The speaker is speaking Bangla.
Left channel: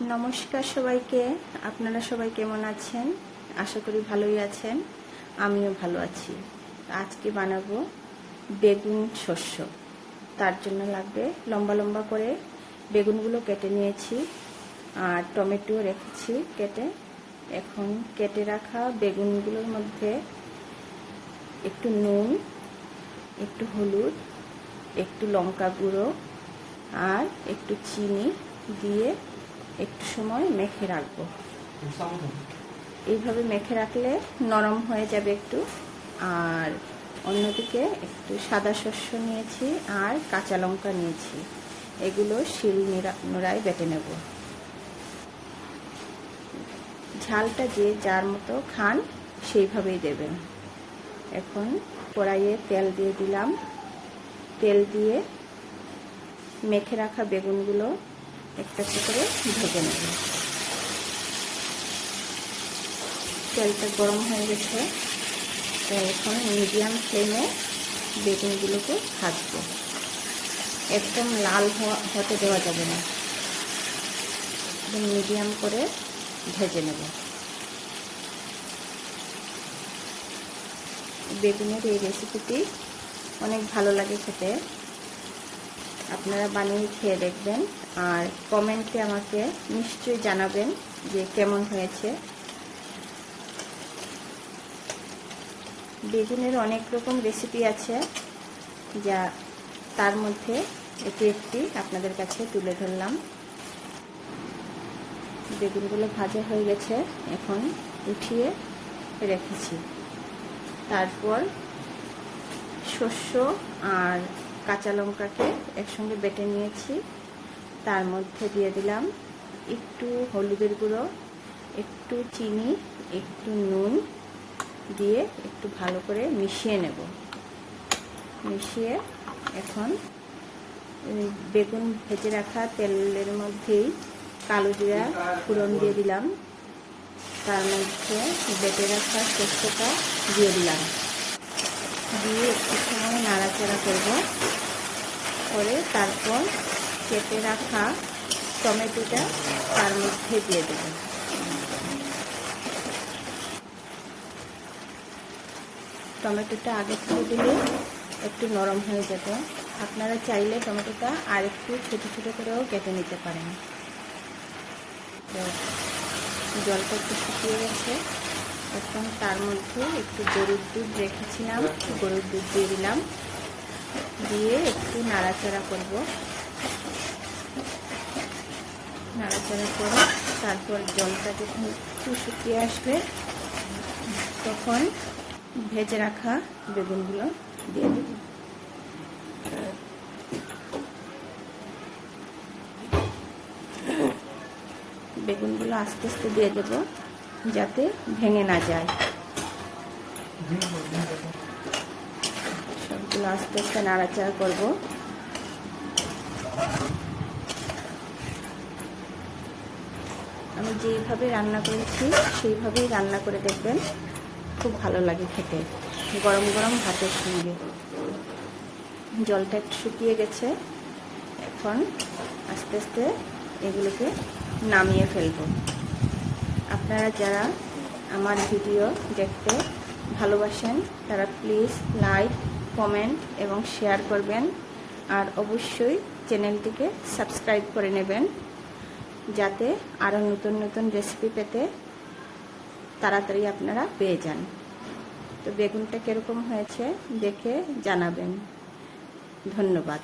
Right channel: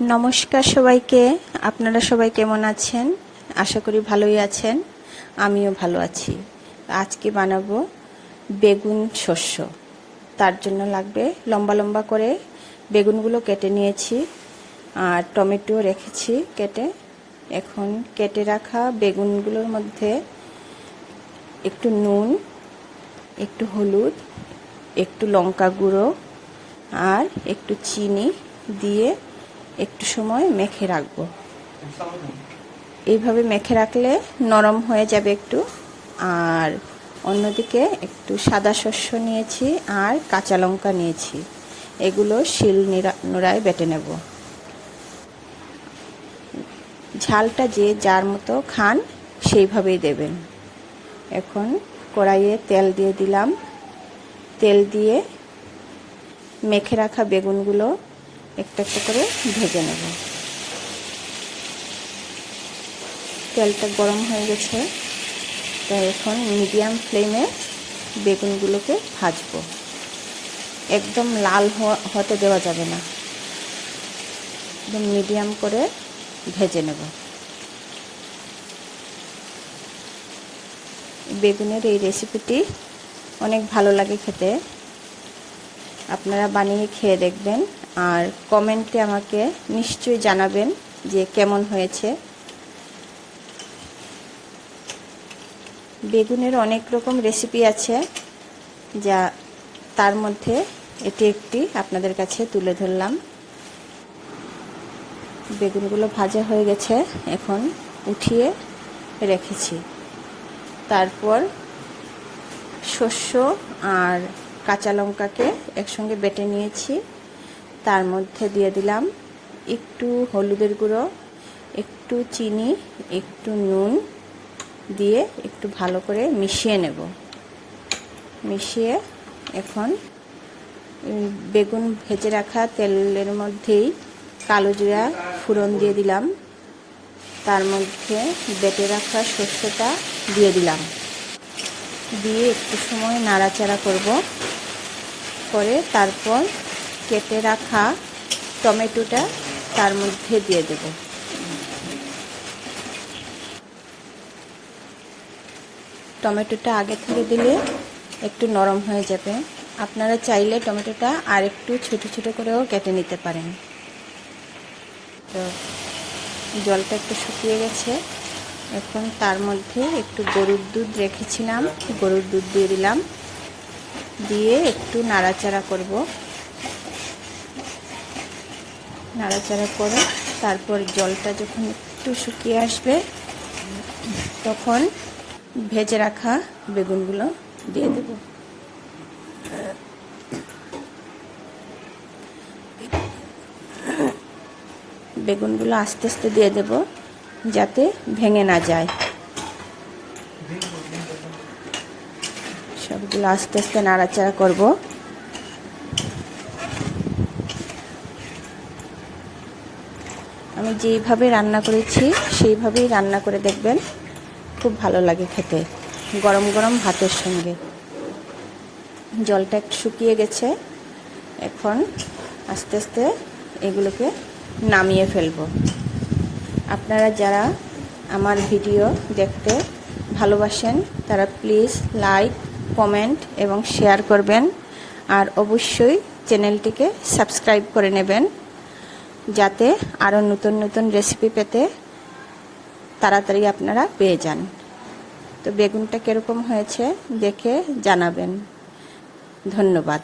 নমস্কার সবাইকে। আপনারা সবাই কেমন আছেন? আশা করি ভালোই আছেন। আমিও ভালো আছি। আজকে বানাবো বেগুন শস্য। তার জন্য লাগবে লম্বা লম্বা করে বেগুনগুলো কেটে নিয়েছি, আর টমেটো রেখেছি কেটে। এখন কেটে রাখা বেগুনগুলোর মধ্যে একটু নুন, একটু হলুদ, একটু লঙ্কা গুঁড়ো আর একটু চিনি দিয়ে একটু সময় মেখে রাখবো। এইভাবে মেখে রাখলে নরম হয়ে যাবে একটু। আর অন্যদিকে একটু সাদা শস্য নিয়েছি আর কাঁচা লঙ্কা নিয়েছি, এগুলো শিল নোড়ায় বেটে নেব। ঝালটা যে যার মতো খান সেইভাবেই দেবেন। এখন কড়াইয়ে তেল দিয়ে দিলাম। তেল দিয়ে মেখে রাখা বেগুনগুলো একটা একটা করে ভেজে নেব। তেলটা গরম হয়ে গেছে, তাই এখন মিডিয়াম ফ্লেমে বেগুনগুলোকে ভাজবো। একদম লাল হতে দেওয়া যাবে না, একদম মিডিয়াম করে ভেজে নেব। বেগুনের এই রেসিপিটি অনেক ভালো লাগে খেতে। আপনারা বানিয়ে খেয়ে দেখবেন আর কমেন্টে আমাকে নিশ্চয়ই জানাবেন যে কেমন হয়েছে। বেগুনের অনেক রকম রেসিপি আছে, যা তার মধ্যে এটি একটি আপনাদের কাছে তুলে ধরলাম। বেগুনগুলো ভাজা হয়ে গেছে, এখন উঠিয়ে রেখেছি। তারপর শস্য আর কাঁচা লঙ্কাকে একসঙ্গে বেটে নিয়েছি। তার মধ্যে দিয়ে দিলাম একটু হলুদের গুঁড়ো, একটু চিনি, একটু নুন দিয়ে একটু ভালো করে মিশিয়ে নেব। মিশিয়ে এখন বেগুন ভেজে রাখা তেলের মধ্যেই কালো জিরা ফোড়ন দিয়ে দিলাম। তার মধ্যে বেটে রাখা শস্যটা দিয়ে দিলাম, দিয়ে একটু সময় নাড়াচাড়া করব। করে তারপর কেটে রাখা টমেটোটা তার মধ্যে দিয়ে দেব। টমেটোটা আগে থেকে দিলে একটু নরম হয়ে যাবে। আপনারা চাইলে টমেটোটা আর একটু ছোটো ছোটো করেও কেটে নিতে পারেন। জলটা একটু শুকিয়ে গেছে, এখন তার মধ্যে একটু গরুর দুধ রেখেছিলাম, গরুর দুধ দিয়ে দিলাম। দিয়ে একটু নাড়াচাড়া করব। নাড়াচাড়া করে তারপর জলটা যখন একটু শুকিয়ে আসবে, তখন ভেজে রাখা বেগুনগুলো দিয়ে দেব। বেগুনগুলো আস্তে আস্তে দিয়ে দেব, যাতে ভেঙে না যায়। সবগুলো আস্তে আস্তে নাড়াচাড়া করব। আমি যেইভাবে রান্না করেছি সেইভাবেই রান্না করে দেখবেন, খুব ভালো লাগে খেতে গরম গরম ভাতের সঙ্গে। জলটা একটু শুকিয়ে গেছে, এখন আস্তে আস্তে এগুলোকে নামিয়ে ফেলব। আপনারা যারা আমার ভিডিও দেখতে ভালোবাসেন তারা প্লিজ লাইক, কমেন্ট এবং শেয়ার করবেন। আর অবশ্যই চ্যানেলটিকে সাবস্ক্রাইব করে নেবেন, যাতে আরও নতুন নতুন রেসিপি পেতে তাড়াতাড়ি আপনারা পেয়ে যান। তো বেগুনটা কীরকম হয়েছে দেখে জানাবেন। ধন্যবাদ।